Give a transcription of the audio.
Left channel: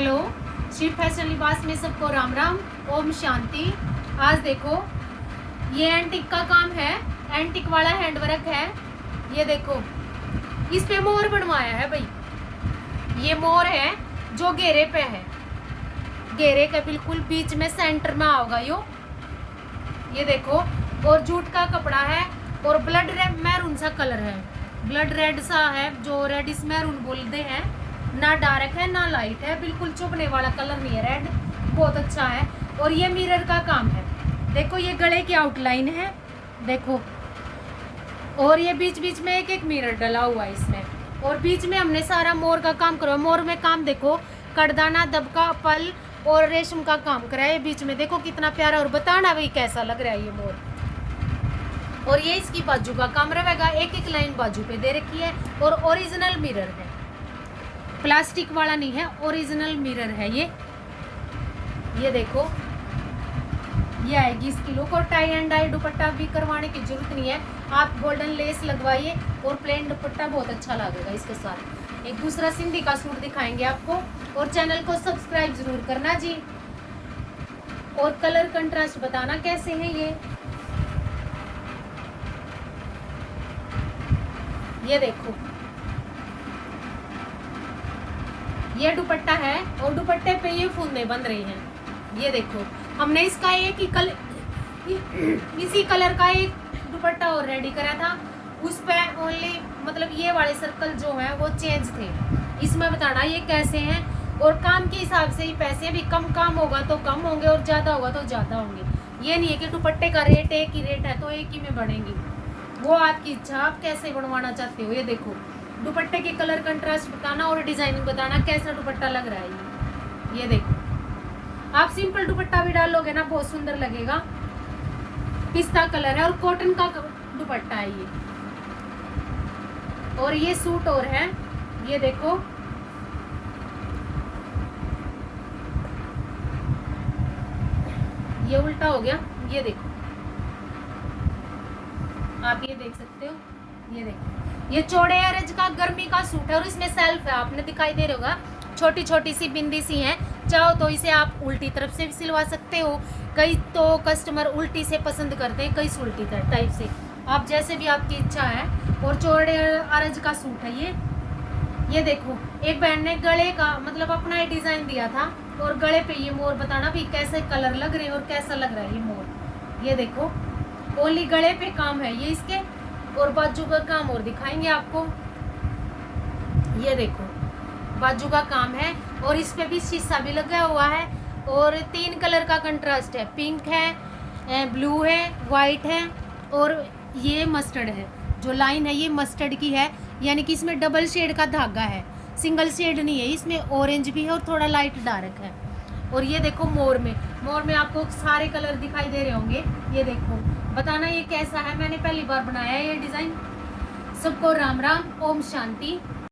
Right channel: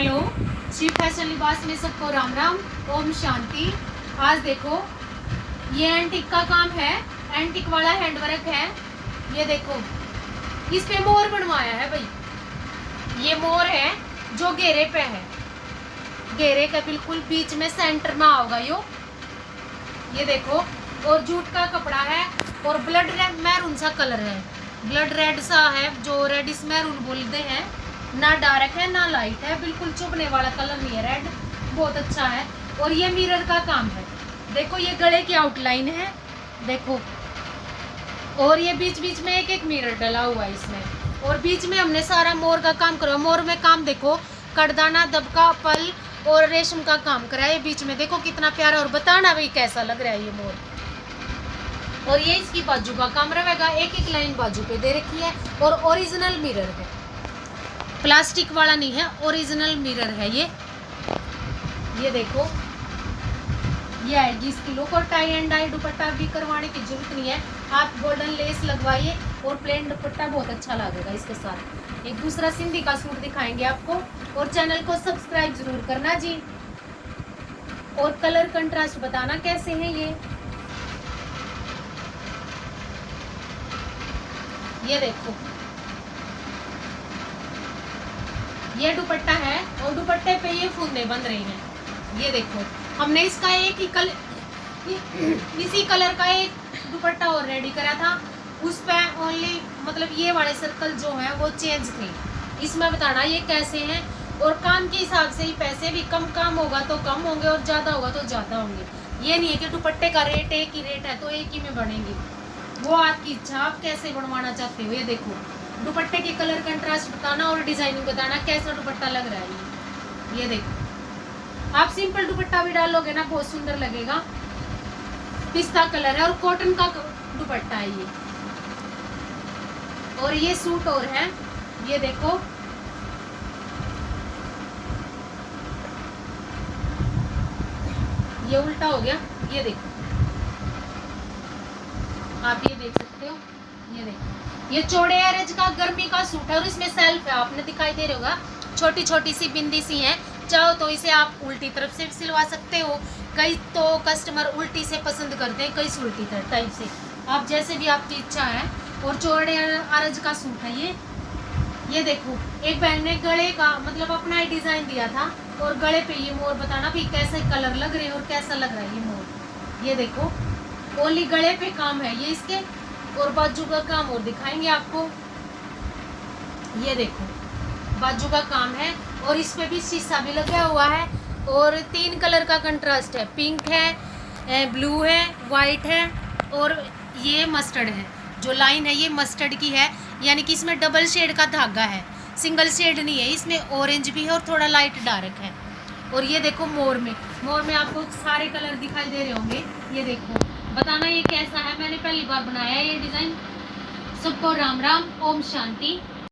Hello, Shri fashion लिबास में सबको राम राम, ओम शांति। आज देखो ये एंटिक का काम है, एंटिक वाला हैंडवर्क है। ये देखो इस पे मोर बनवाया है भाई। ये मोर है जो घेरे पे है, घेरे के बिल्कुल बीच में सेंटर में आओगा यो। ये देखो, और जूट का कपड़ा है और ब्लड रेड मैरून सा कलर है, ब्लड रेड सा है जो रेडिश मैरून बोलते हैं। ना डार्क है ना लाइट है, बिल्कुल चुभने वाला कलर नहीं है, रेड बहुत अच्छा है। और ये मिरर का काम है। देखो ये गले की आउटलाइन है देखो, और ये बीच बीच में एक एक मिरर डला हुआ है इसमें। और बीच में हमने सारा मोर का काम करा। मोर में काम देखो, कड़दाना, दबका, पल और रेशम का काम करा है। बीच में देखो कितना प्यारा, और बताना भाई कैसा लग रहा है ये मोर। और ये इसकी बाजू का काम रहेगा, एक एक लाइन बाजू पे दे रखी है। और ओरिजिनल मिरर है, प्लास्टिक वाला नहीं है, ओरिजिनल मिरर है ये देखो। ये आएगी इसकी लुक। और टाई एंड डाई दुपट्टा भी करवाने की जरूरत नहीं है, आप गोल्डन लेस लगवाइए और प्लेन दुपट्टा बहुत अच्छा लगेगा इसके साथ। एक दूसरा सिंधी का सूट दिखाएंगे आपको। और चैनल को सब्सक्राइब जरूर करना जी। और कलर कंट्रास्ट बताना कैसे है ये देखो ये दुपट्टा है और दुपट्टे पे ये फूंदे बन रही हैं। ये देखो हमने इसका एक ही इसी कलर का एक दुपट्टा और रेडी करा था, उस पे ओनली मतलब ये वाले सर्कल जो है वो चेंज थे। इसमें बताना ये कैसे हैं, और काम के हिसाब से ही पैसे भी, कम काम होगा तो कम होंगे और ज़्यादा होगा तो ज़्यादा होंगे। ये नहीं है कि दुपट्टे का रेट एक ही रेट है तो एक ही में बढ़ेंगी, वो आपकी इच्छा, आप कैसे बनवाना चाहते हो। ये देखो दुपट्टे के कलर कंट्रास्ट बताना और डिजाइनिंग बताना कैसा दुपट्टा लग रहा है ये देखो। आप सिंपल दुपट्टा भी डालोगे ना बहुत सुंदर लगेगा। पिस्ता कलर है और कॉटन का दुपट्टा है ये। और ये सूट और है, ये देखो ये उल्टा हो गया। ये देखो आप ये देख सकते हो, ये देखो ये चौड़े अरज का गर्मी का सूट है और इसमें सेल्फ है, आपने दिखाई दे रहा होगा, छोटी छोटी सी बिंदी सी है। चाहो तो इसे आप उल्टी तरफ से सिलवा सकते हो, कई तो कस्टमर उल्टी से पसंद करते हैं, कई उल्टी टाइप से, आप जैसे भी आपकी इच्छा है। और चौड़े अरज का सूट है ये देखो। एक बहन ने गले का मतलब अपना ही डिजाइन दिया था, और गले पे ये मोर बताना भी कैसे कलर लग रहे हैं और कैसा लग रहा है ये मोर। ये देखो ओनली गले पे काम है ये इसके, और बाजू का काम और दिखाएंगे आपको। ये देखो बाजू का काम है और इस पे भी शीशा भी लगा हुआ है। और 3 कलर का कंट्रास्ट है, पिंक है, ब्लू है, वाइट है और ये मस्टर्ड है। जो लाइन है ये मस्टर्ड की है, यानी कि इसमें डबल शेड का धागा है, सिंगल शेड नहीं है। इसमें ऑरेंज भी है और थोड़ा लाइट डार्क है। और ये देखो मोर में आपको सारे कलर दिखाई दे रहे होंगे। ये देखो बताना ये कैसा है, मैंने पहली बार बनाया है ये डिज़ाइन। सबको राम राम, ओम शांति।